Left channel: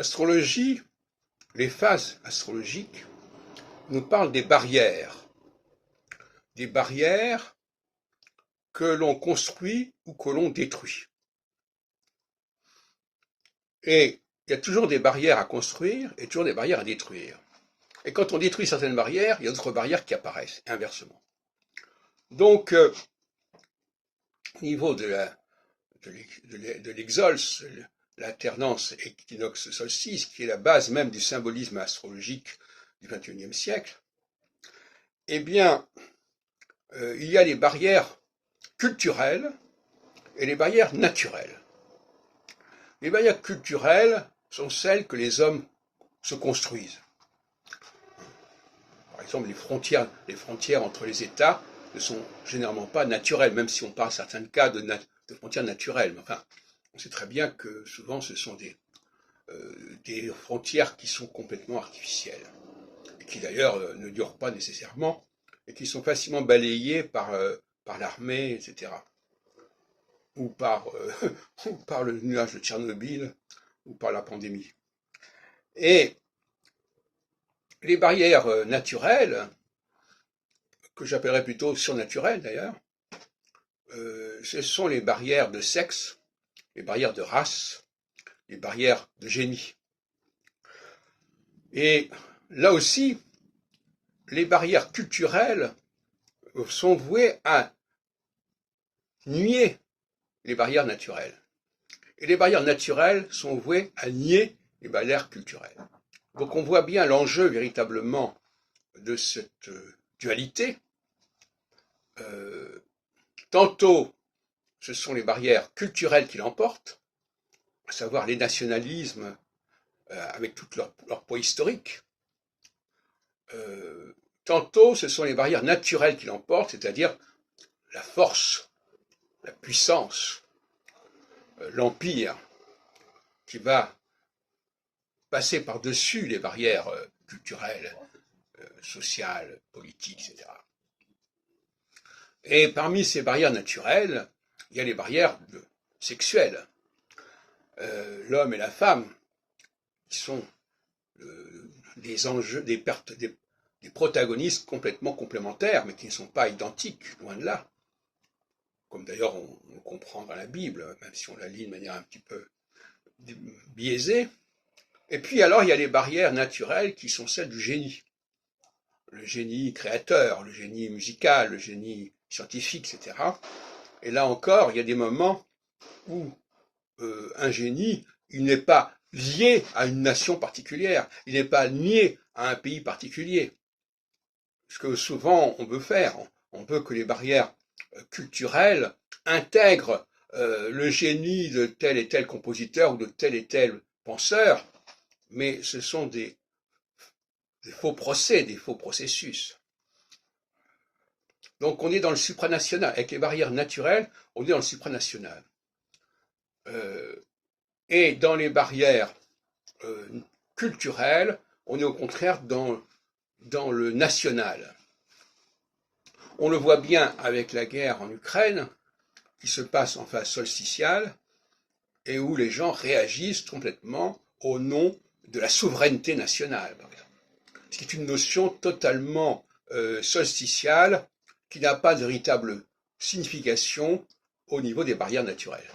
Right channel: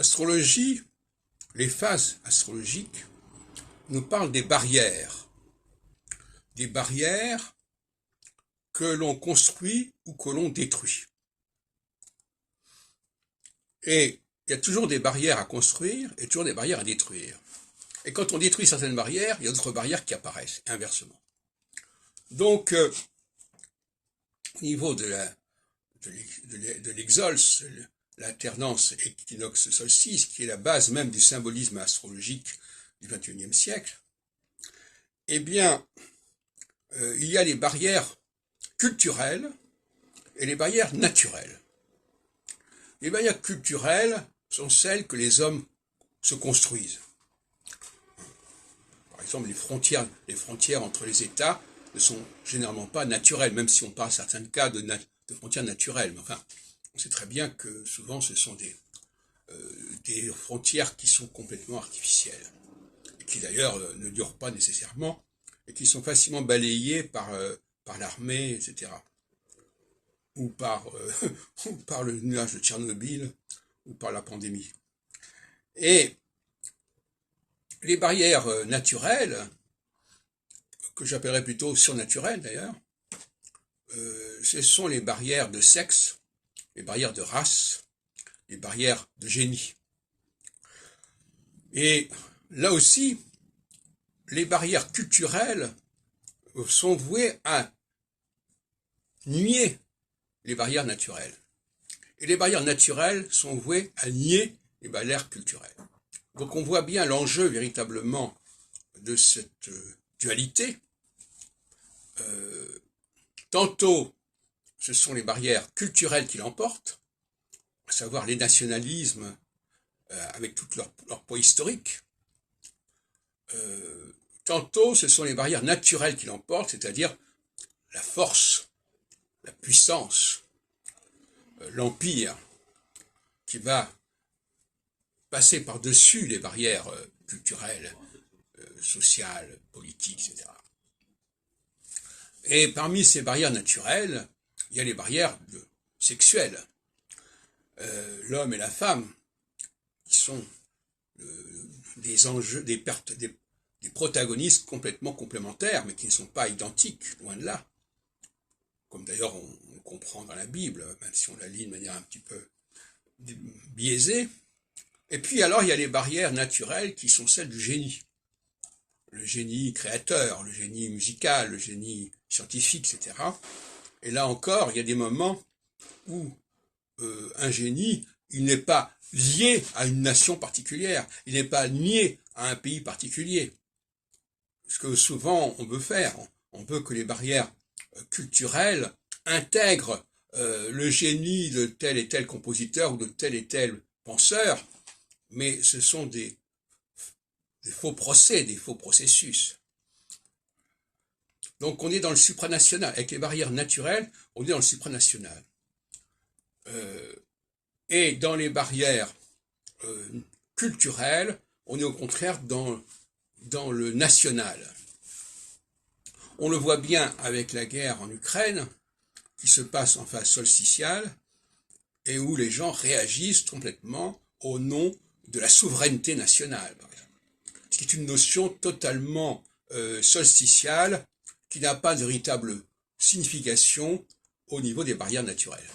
L'astrologie, les phases astrologiques, nous parlent des barrières que l'on construit ou que l'on détruit. Et il y a toujours des barrières à construire et toujours des barrières à détruire. Et quand on détruit certaines barrières, il y a d'autres barrières qui apparaissent, inversement. Donc, au niveau de l'exolse, l'alternance équinoxe-solstice, qui est la base même du symbolisme astrologique du XXIe siècle, eh bien, il y a les barrières culturelles et les barrières naturelles. Les barrières culturelles sont celles que les hommes se construisent. Par exemple, les frontières entre les États ne sont généralement pas naturelles, même si on parle à certains cas de frontières naturelles. Enfin, on sait très bien que souvent ce sont des frontières qui sont complètement artificielles, et qui d'ailleurs ne durent pas nécessairement, et qui sont facilement balayées par l'armée, etc. Ou par le nuage de Tchernobyl, ou par la pandémie. Et les barrières naturelles, que j'appellerais plutôt surnaturelles d'ailleurs, ce sont les barrières de sexe, les barrières de race, les barrières de génie. Et là aussi, les barrières culturelles sont vouées à nier les barrières naturelles. Et les barrières naturelles sont vouées à nier les barrières culturelles. Donc on voit bien l'enjeu véritablement de cette dualité. Tantôt, ce sont les barrières culturelles qui l'emportent, à savoir les nationalismes avec tout leur poids historique. Tantôt, ce sont les barrières naturelles qui l'emportent, c'est-à-dire la force, la puissance, l'empire, qui va passer par-dessus les barrières culturelles, sociales, politiques, etc. Et parmi ces barrières naturelles, il y a les barrières sexuelles. L'homme et la femme, qui sont des enjeux, des protagonistes complètement complémentaires, mais qui ne sont pas identiques, loin de là. Comme d'ailleurs on comprend dans la Bible, même si on la lit de manière un petit peu biaisée. Et puis alors il y a les barrières naturelles qui sont celles du génie. Le génie créateur, le génie musical, le génie scientifique, etc. Et là encore, il y a des moments où un génie, il n'est pas lié à une nation particulière, il n'est pas lié à un pays particulier. Ce que souvent on veut faire, on veut que les barrières culturelles intègrent le génie de tel et tel compositeur ou de tel et tel penseur, mais ce sont des faux procès, des faux processus. Donc on est dans le supranational. Avec les barrières naturelles, on est dans le supranational. Et dans les barrières culturelles, on est au contraire dans le national. On le voit bien avec la guerre en Ukraine, qui se passe en phase solsticiale, et où les gens réagissent complètement au nom de la souveraineté nationale, par exemple. Ce qui est une notion totalement solsticiale, qui n'a pas de véritable signification au niveau des barrières naturelles.